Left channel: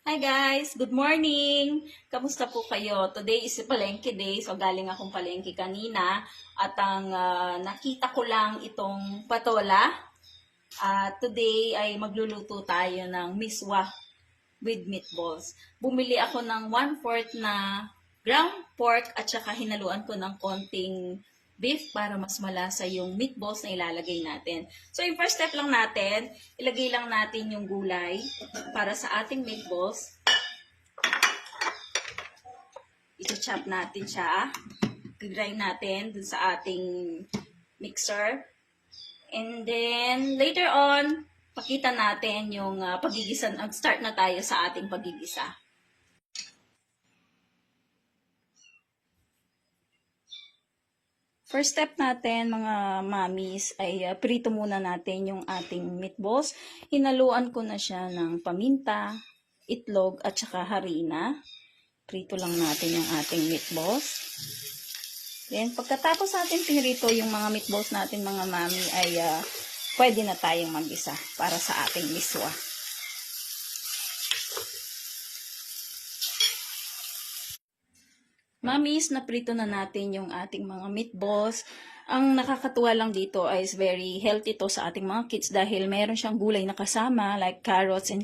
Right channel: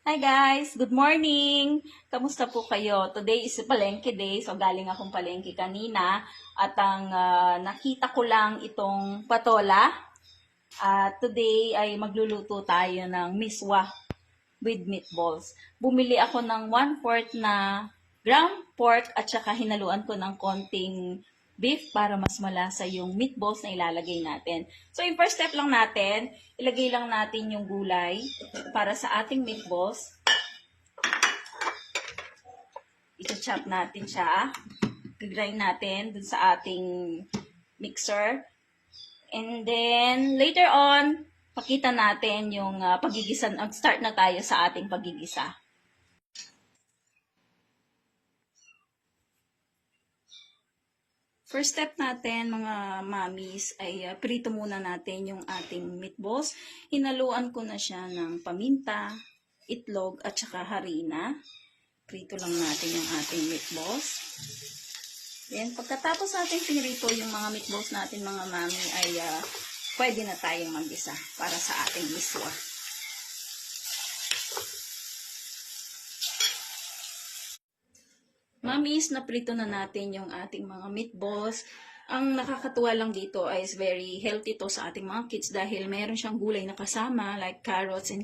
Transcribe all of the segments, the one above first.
Hi guys! Good morning! Kamusta po kayo? Today is palengke day. So galing akong palengke kanina. At ang nakita ko lang itong patola. Today ay magluluto tayo ng miswa with meatballs. Bumili ako ng 1/4 na ground pork at saka hinaluan ko ng konting beef para mas malasa yung meatballs na ilalagay natin. So yung first step lang natin, ilagay lang natin yung gulay para sa ating meatballs. I-chop natin siya. I-grind natin dun sa ating mixer. And then, later on, pakita natin yung pagigisa. Start na tayo sa ating pagigisa. First step natin, mga mamis, ay prito muna natin yung ating meatballs. Hinaluan ko na siya ng paminta, itlog, at saka harina. Prito lang natin yung ating meatballs. Then, pagkatapos natin pinrito yung mga meatballs natin, mga mami, ay pwede na tayong mag-isa para sa ating miswa. Mamis, naprito na natin yung ating mga meatballs. Ang nakakatuwa lang dito is very healthy to sa ating mga kids dahil meron siyang gulay na kasama like carrots and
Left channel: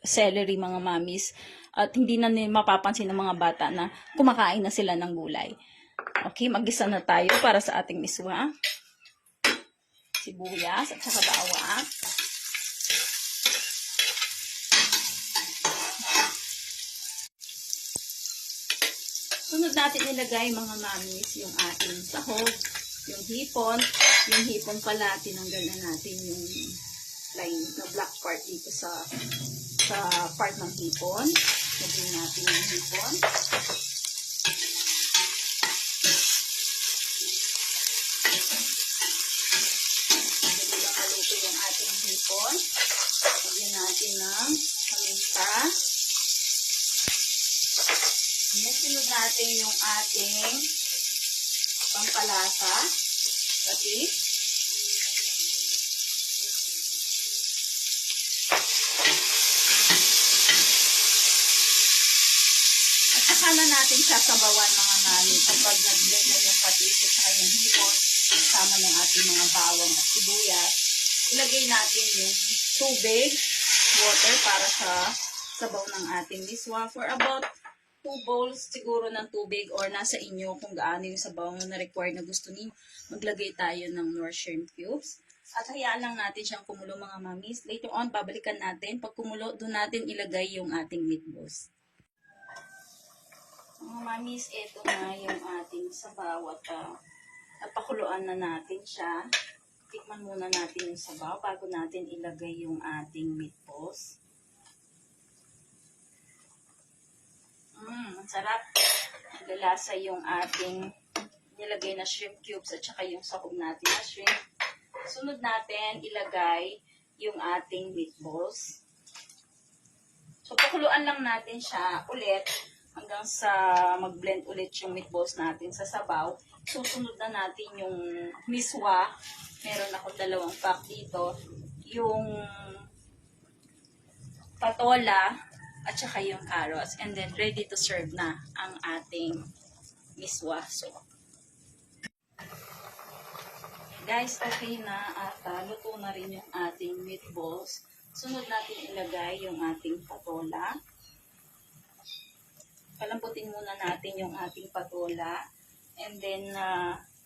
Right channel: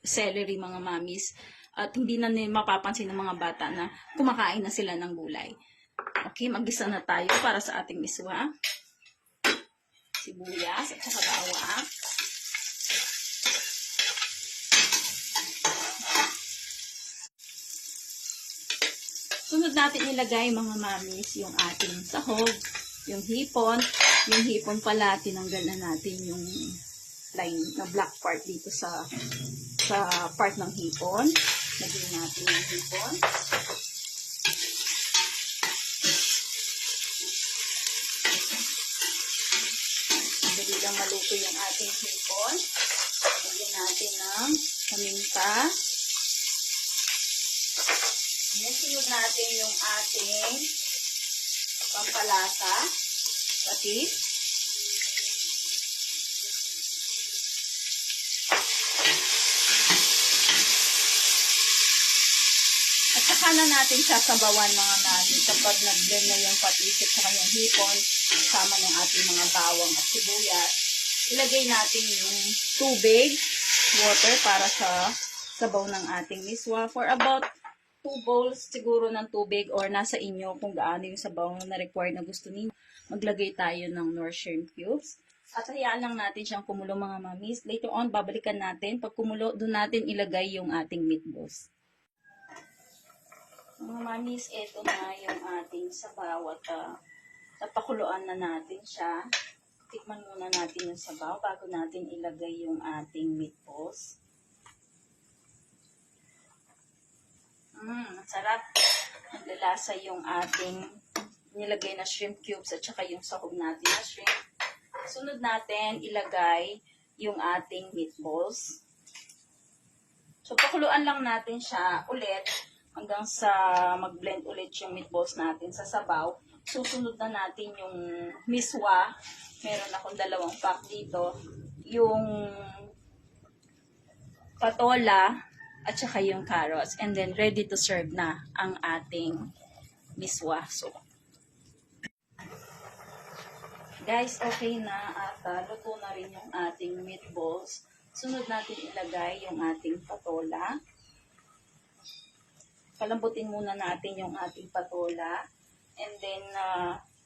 celery, mga mamis. At hindi na mapapansin ng mga bata na kumakain na sila ng gulay. Okay, mag-isa na tayo para sa ating miswa. Sibuyas at saka bawang. Sunod natin ilagay, mga mamis, yung ating sahog, yung hipon. Yung hipon pala, tinanggal na natin yung line na black part dito sa part ng hipon. Lagyan natin yung hipon. Dali lang maluto yung ating hipon. Lagyan natin ng paminta. Yan, sunod natin yung ating pampalasa. Kasi, at saka na natin sasabawan, mga mami, kapag nag-blend na yung patis at saka yung hipon, kasama ng ating mga bawang at sibuyas. Ilagay natin yung tubig, water, para sa sabaw ng ating miswa for about 2 bowls siguro ng tubig or nasa inyo kung gaano yung sabaw na required na gusto niyo. Maglagay tayo ng Knorr shrimp cubes. At hayaan lang natin siyang kumulo, mga mamis. Later on, babalikan natin. Pag kumulo, doon natin ilagay yung ating meatballs. Mga mamis, ito na yung ating sabaw at pakuluan na natin siya. Tikman muna natin yung sabaw bago natin ilagay yung ating meatballs. Ang sarap. Naglalasa yung ating nilagay na shrimp cubes at saka yung sahog natin na shrimp. Sunod natin ilagay yung ating meatballs. So, pakuluan lang natin siya ulit hanggang sa mag-blend ulit yung meatballs natin sa sabaw. Susunod na natin yung miswa. Meron akong 2 pack dito. Yung patola at saka yung carrots. And then, ready to serve na ang ating miswa. So, guys, okay na at luto na rin yung ating meatballs. Sunod natin ilagay yung ating patola. Palambutin muna natin yung ating patola. And then,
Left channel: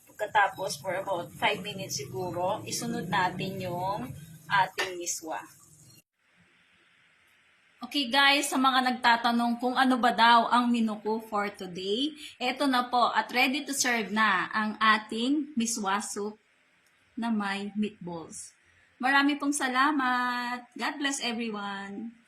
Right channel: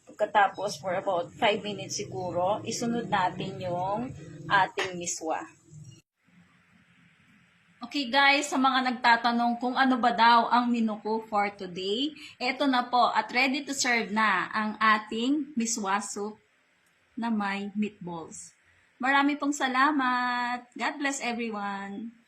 pagkatapos for about 5 minutes siguro, isunod natin yung ating miswa. Okay guys, sa mga nagtatanong kung ano ba daw ang menu ko for today, eto na po at ready to serve na ang ating miswa soup na may meatballs. Marami pong salamat. God bless everyone.